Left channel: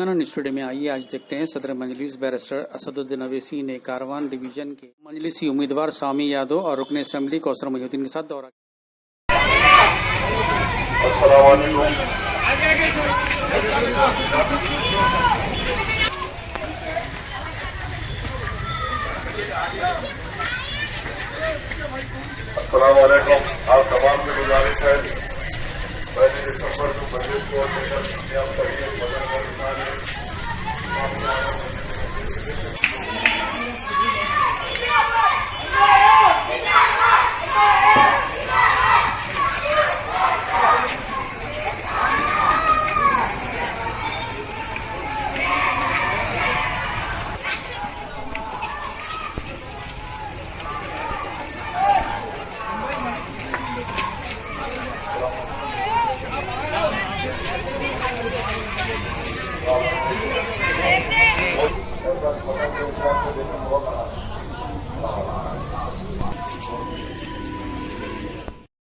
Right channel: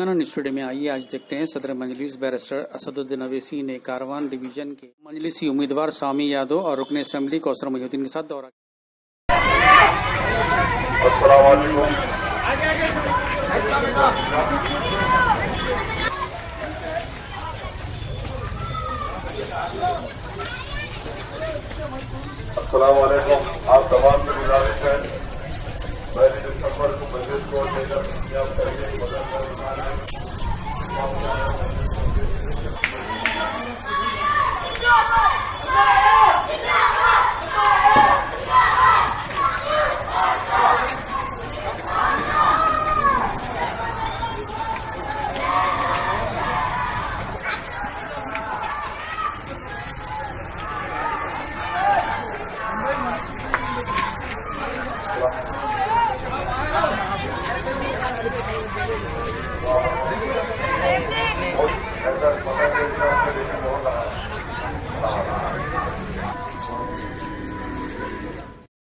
Telangana studio में आइए आज देखते हैं सदर मजलिस बैरिस्टर असदुद्दीन अवैसी ने कारवान डिवीजन के मजलिसी उम्मीदवार सामी यादव और रुकन असेंबली कौसर मोहिउद्दीन के साथ दौरा। अस्सलामुअलैकुम। आप तमाम से गुजारिश है, पहले दिसंबर को बजट को लेकर आप करिए बदल कर Wow.